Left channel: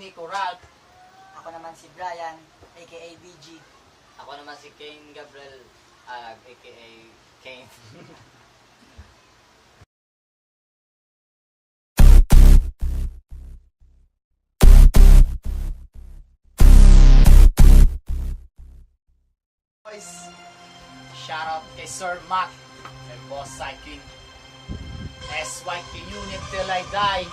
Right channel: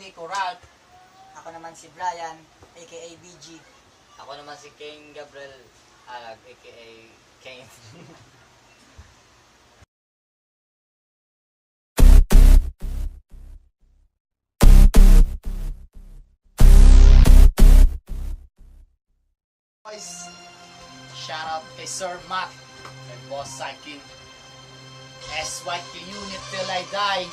Nico Ralph. Ako naman si Brian, aka BG. Ako naman si King Gabriel, aka Kane. Boys, shout out kay Sir Mac, kay Boss SYK. SYK UNIT till I die.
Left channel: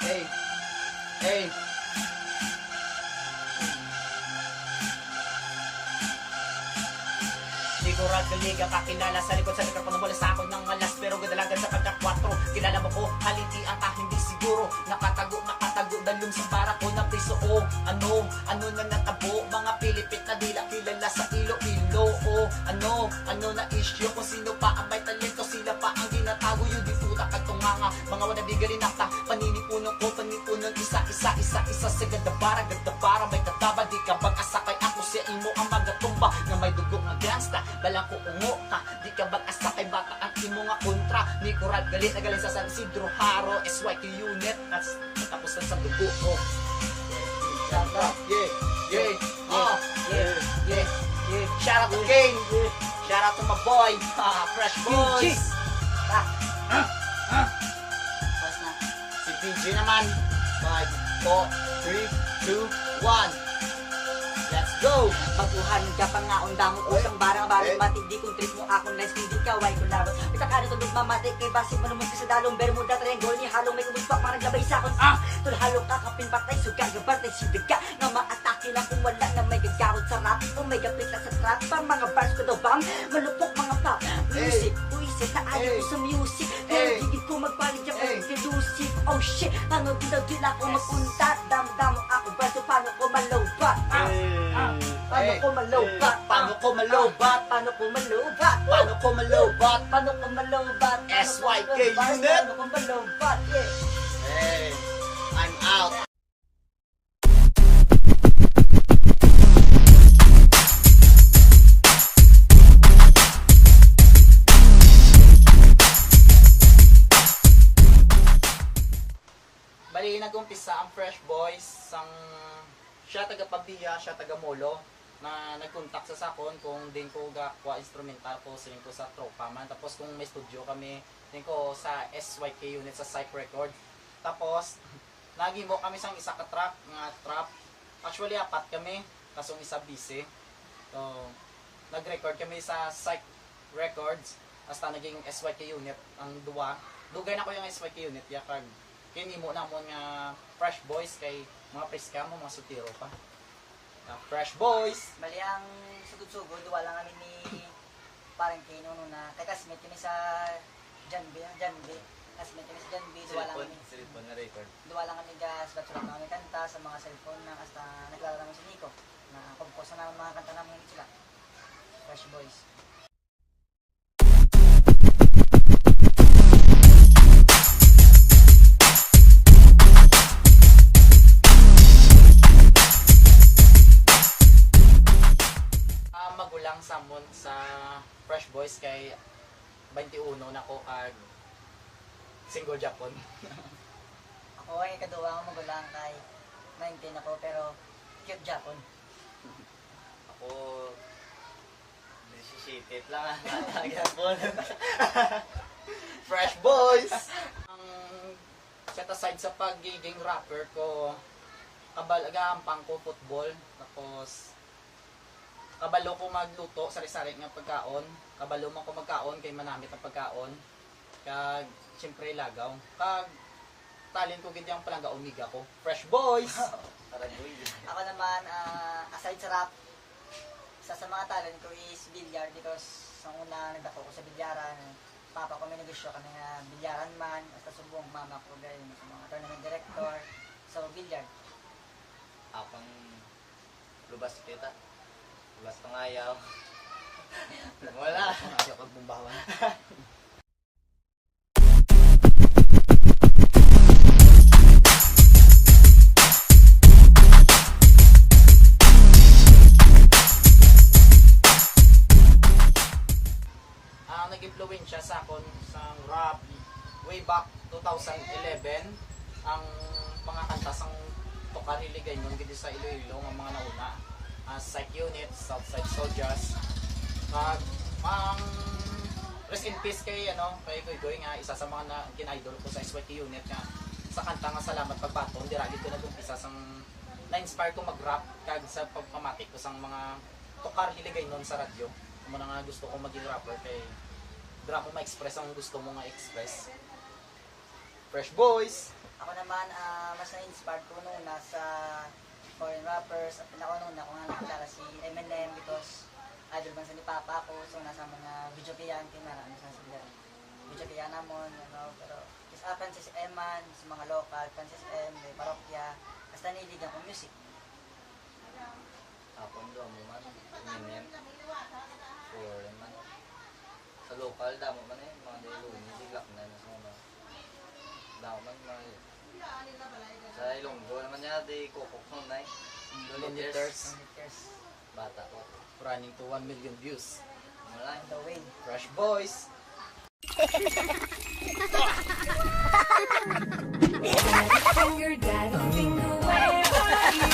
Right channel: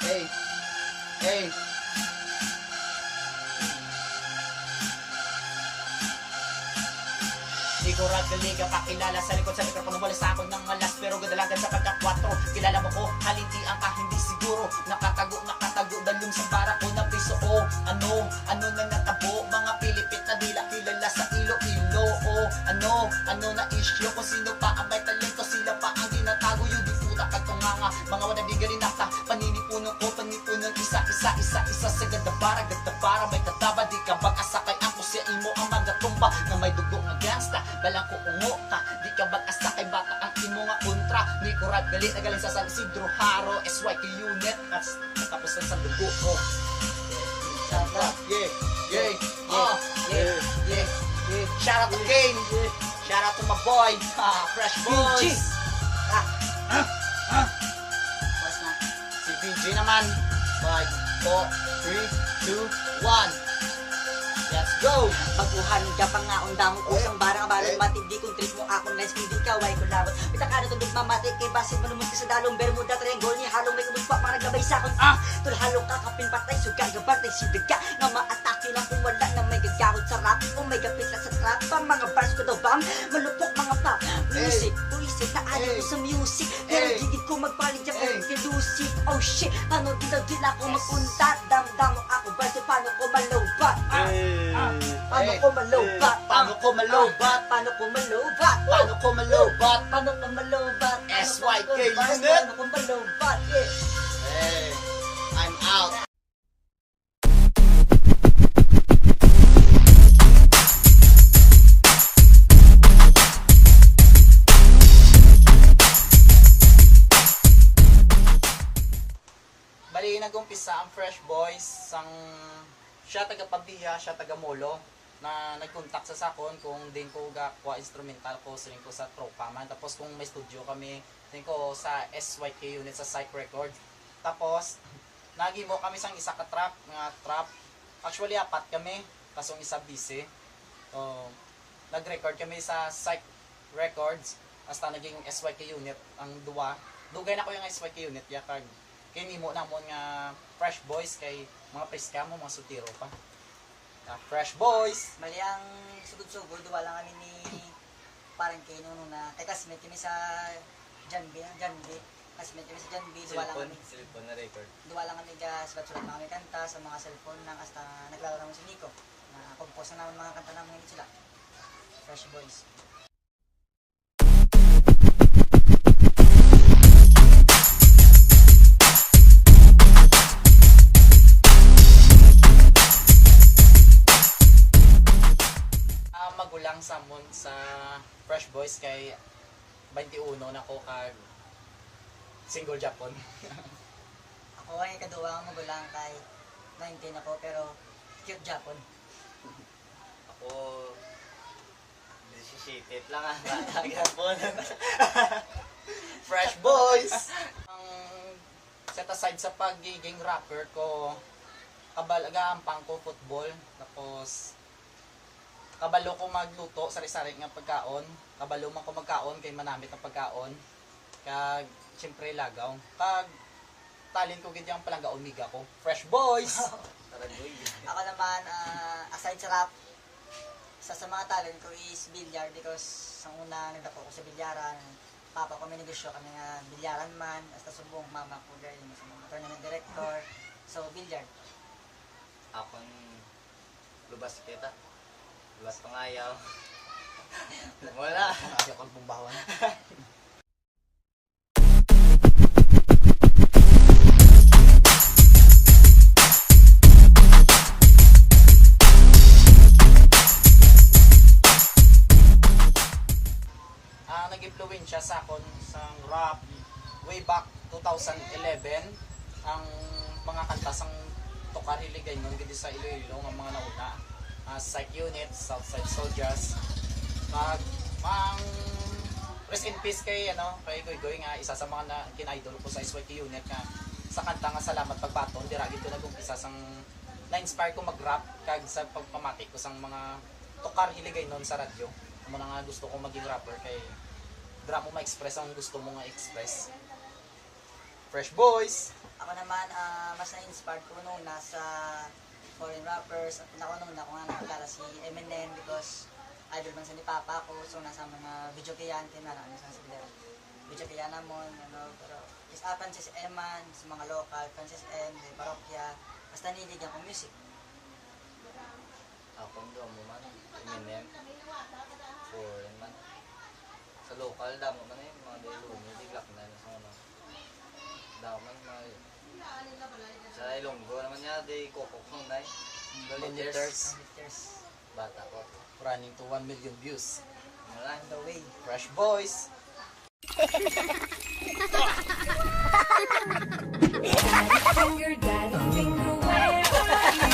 Hey, hey. Di ko ragaliga kakilala sa likod sa mikrofon, wala sa akin ng malas pero gadalagan sa pagka-4. Kilala mo ko, halintian ka hindi siguro. Nakatago, dalong sa para ko na piso. Oh, ano na natabo, mga Pilipit na dila kilala sa Iloilo. Oh, ano na issue, kung sino pa ang may talento, sila pa ang ginatago. Yung di puta katunganga, mga wanabigali nakta, paninipunong ko, panipunong isa, sa gadabara, may kataba, di ka bag-asakay ako siya imo ang magatumba, na may dugo nga gangsta, balang ko ungo ka, di ka bag-asakay bata ang imo nga kontra, ni Kurag galit na galing sa San Isidro Haro, SYK UNIT, at tapos na sa dugo ko. Yeah. Shout out to Kane, shout out to my boy, Fresh Boys. Si BG naman. 5, 4, 3, 2, 1. Let's go! Baguhanun ka pa nga undang usang barang-barang matindi kung trip mo akong nice video ka, why ko laro. Pita ka na tulog mamati kay basin manumog ka sa dalong bermuda triangle ni halong may kumugpa parang gabay sa akin. Tulhalong ka kapin patay sugang gabartay sudaga nga maatake lang kung wala na may gagawid sa rap o may gapit na sa trap pang mga bars ko daw bang malupok mga pa music, buisit na ayaw ko sa music pero hindi ko magpalit dyan pero delusive. Oh shit, paano dila ko magpunta damdam ako ba so paano ko malobat paano ko malobat Paano ko malobat SYK UNIT. Paano ko malobat Hey, I'm out. Bali, nag-umpisa ang Fresh Boys sang siya taga Pabiya, siya taga Molo na nag-contact sa sakon kung din ko gakwa instrumental ko siling ko sa tropa man. Tapos kung may studio kami din ko sa SYK UNIT sa SYK Record. Tapos nagimo kami sang isa ka track nga trap. Actually apat kami kasong isa busy. So nag-record kami sa SYK Records hasta naging SYK UNIT ang duwa. Dugay na ko yung SYK UNIT ya kag kinimo namon nga Fresh Boys kay mga preska mo, mga sutiro pa. Fresh Boys! Mali ang sugod-sugod, wala kami ni parang kay Nuno na kay kasmet kami sa Janbi, kasmet kami sa Janbi, duwa lang kami. Cellphone na record. Duwa lang kami sulat-sulat na kami kanta sa mga cellphone nang hasta naglaro naman si Nico. Na kumpos na naman mga kanta namin sila. Fresh Boys. Magulang samon sa Fresh Boys kay 21 na ko kag single Japon. Ako ay kaduwa ang magulang kay 19 na po pero cute Japon. Ako, 17 lang Japon. Fresh Boys! Ang set aside sa pagiging rapper ko, kabalagampang ko football, tapos kabalo ko magluto, sari-sari nga pagkaon. Kabalo man ko magkaon kay manamit ang pagkaon. Kag siyempre lagaw. Kag talent ko gid yang palanggaon miga ko. Fresh Boys. Ako naman aside sa rap, sa mga talent ko is billiard because sa una nagdako ko sa bilyaran. Papa ko may negosyo kami nga bilyaran man, hasta subong mama ko galing sa mga tournament director. So billiard. Akong lubas kita. Lubas pangayaw. Wala. Ayaw kang bumbawan. way back 2011 ang mga kanta sang tokar hiligay nun gidi sa Iloilo nga mga nauna. SYK UNIT, Southside Soldiers. Mang rest in peace kay Goy nga isa sa mga kin-idol ko sa SYK UNIT nga sa kanta nga Salamat Pagbaton dira gid ko nagumpisa sang na-inspire ko mag-rap kag sa pagpamatik ko sang mga tokar hiligay nun sa radyo. Amo na nga gusto ko maging rapper kay dira mo ma-express ang gusto mo nga express. Fresh boys. Ako naman, mas na-inspired ko nung nasa foreign rappers at pinakaununa ko nga nakilala si Eminem because idol bang sa ni Papa ko. So nasa mga video kayan, kinaraan sa sila. Video kayan namon, pero is Francis Eman, sa mga local, Francis M, may parokya, basta niligan ko music. Ako ndo mo man, Eminem, foreign man. Sa local, damo man eh, mga Deluni, diglak na yun sa mga damo man sa Ilonggo naman niya, di kokok nung na Liters. Bata ko. Running to 1 million views. Wala. The way. Fresh boys. Finger, daddy finger, where are you?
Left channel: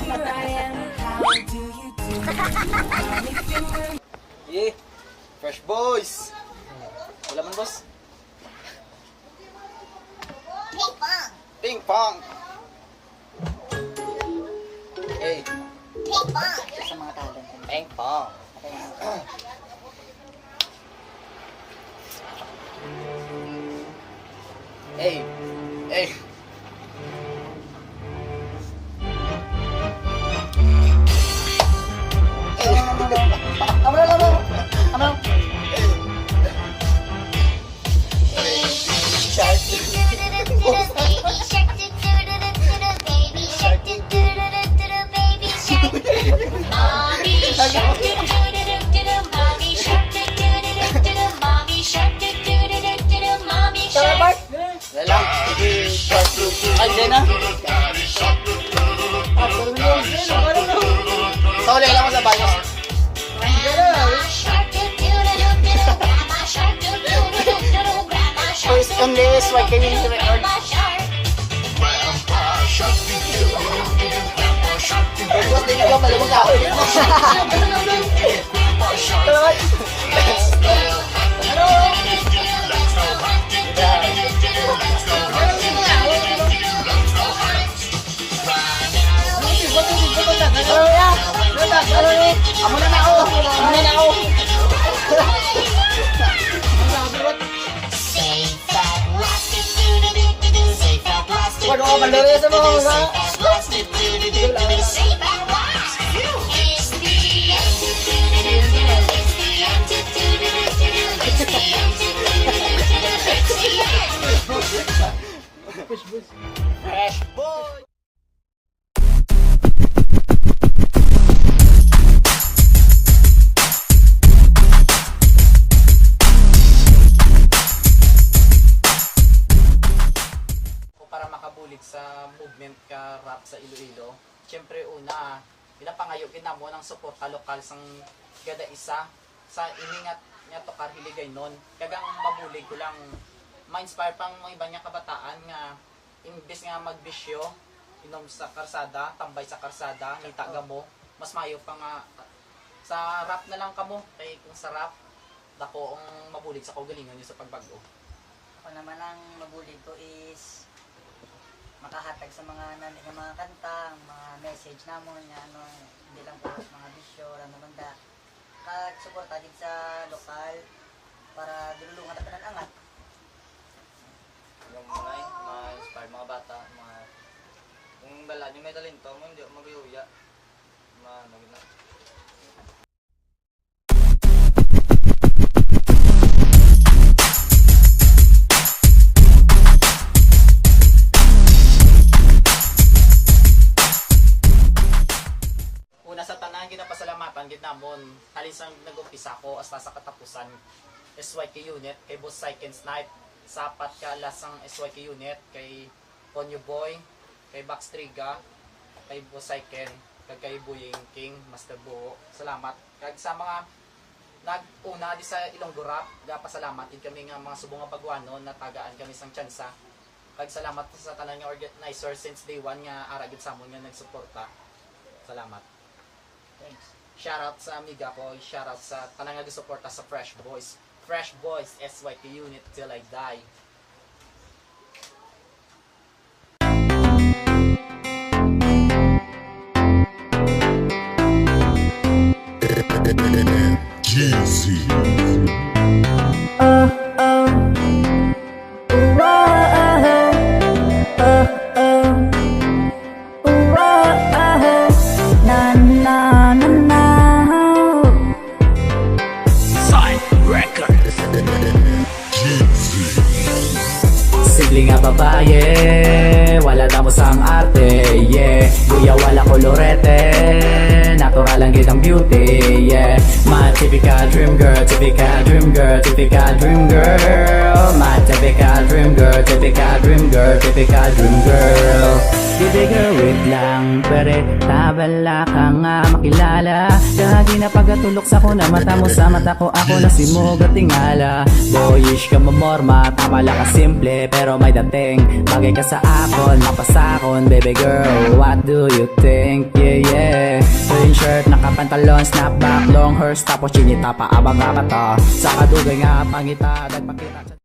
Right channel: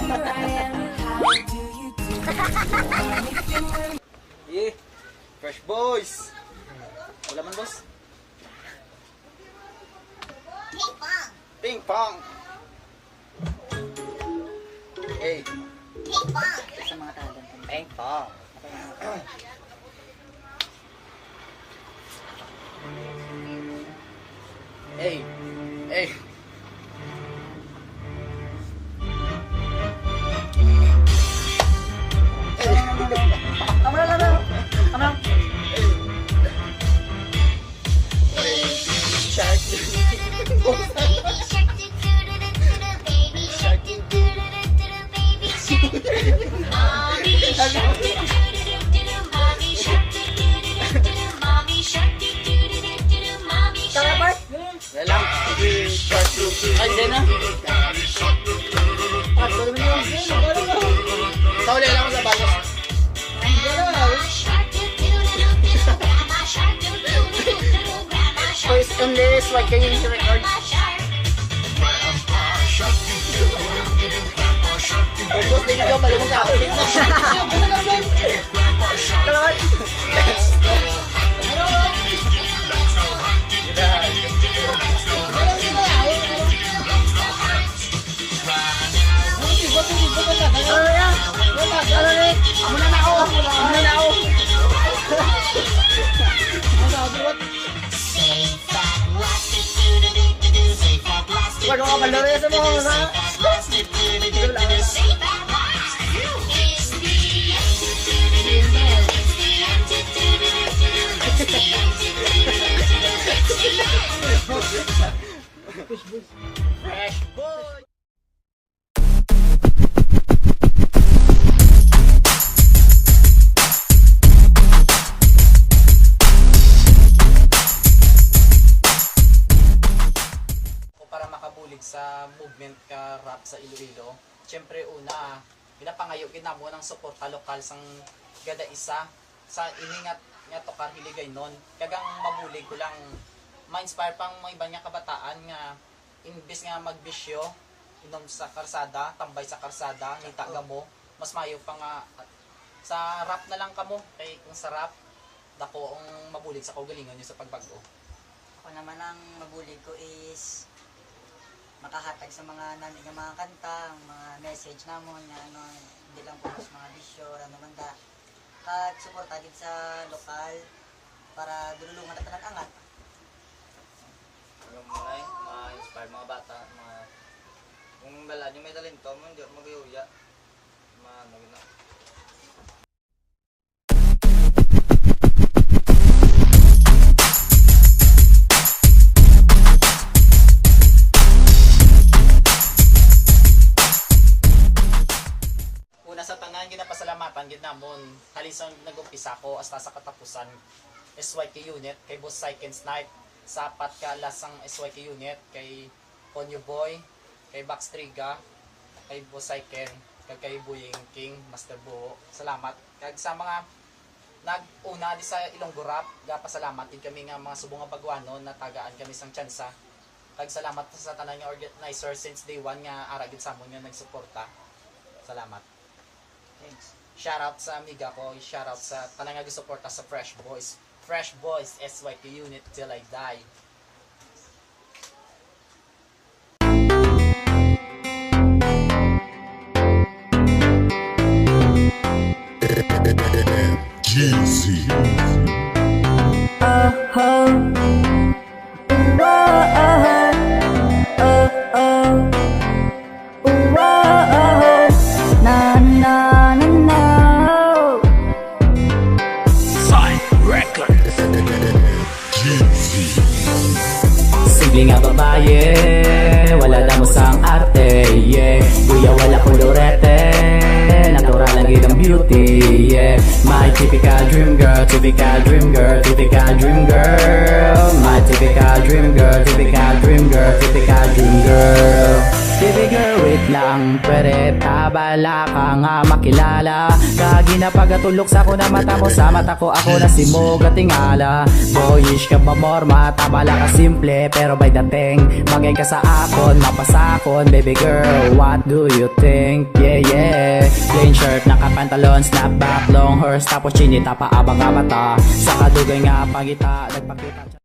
Here I am, how do you do? Daddy finger. Yeah. Fresh boys. Wala man boss. Ping pong. Hey. Sa mga talent. Ping pong. Hey. Hey. Lalang. Ay, yan na. Pauli lang mo sa balos. Voice only SYK UNIT record. Bos din ka pala mo tao. Amo na ako. Wala ka malari sa mga Fresh boy. Para makabulig sa movement ka rap sa Iloilo, syempre una, pinapangayo kinamo ng suporta lokal sang gada isa sa iningat nga tokar hiligay non. Kagang mabulig ko lang ma-inspire pang mga iba nga kabataan nga imbes nga magbisyo inom sa karsada, tambay sa karsada, nitaga mo, mas mayo pa nga sa rap na lang kamo kay kung sa rap dako ang mabulig sa kaugalingon nyo sa pagbago. Ako naman ang mabulig ko is makahatag sa mga namin ng mga kanta, mga message namon nga hindi lang po sa mga bisyo, naman da. At suporta din sa lokal para dululungan at angat. Alam mo na eh, ma-inspire mga bata, kung dala nyo may talento mo, hindi ako mag-iuya. Na. Una sa tanan, ginapasalamatan gid namon talisang nag-umpisa ko hasta sa katapusan SYK UNIT kay Boss SYK Snipe, sapat ka lasang SYK UNIT kay Ponyo Boy, kay Backstriga, kay Boss SYK, kag kay Buying King, Master Buo. Salamat kag sa mga nag-una di sa Ilonggo Rap, pasalamat din kami nga mga subong nga baguhanun na tagaan kami sang tsansa. Kag salamat sa tanan nga organizer since day one nga aragid sa amon nga nagsuporta. Salamat. Thanks. Shoutout sa amiga ko, shoutout sa tanan nga gisuporta sa Fresh Boys. Fresh Boys, SYK UNIT till I die. Jeezy. Simple nga babae, wala lang usang arte, yeah. Kuya wala kolorete, napakalangit ang beauty, yeah. My typical dream girl, typical dream girl, typical dream girl. My typical dream girl, typical dream girl, typical dream girl. Baby girl, wait lang, pwede tabala ka nga makilala. Lagi na pagatulog sa kuna mata mo sa mata ko, ako na si mo gatingala. Boyish ka mamorma, tama lang ka simple, pero may dating. Bagay ka sa akon, mapasakon, baby girl, what do you think? Yeah, yeah. Green shirt, nakapantalon, snapback, long hair, tapos chini, tapaabag mata. Sa kadugay nga pangita, nagpakita.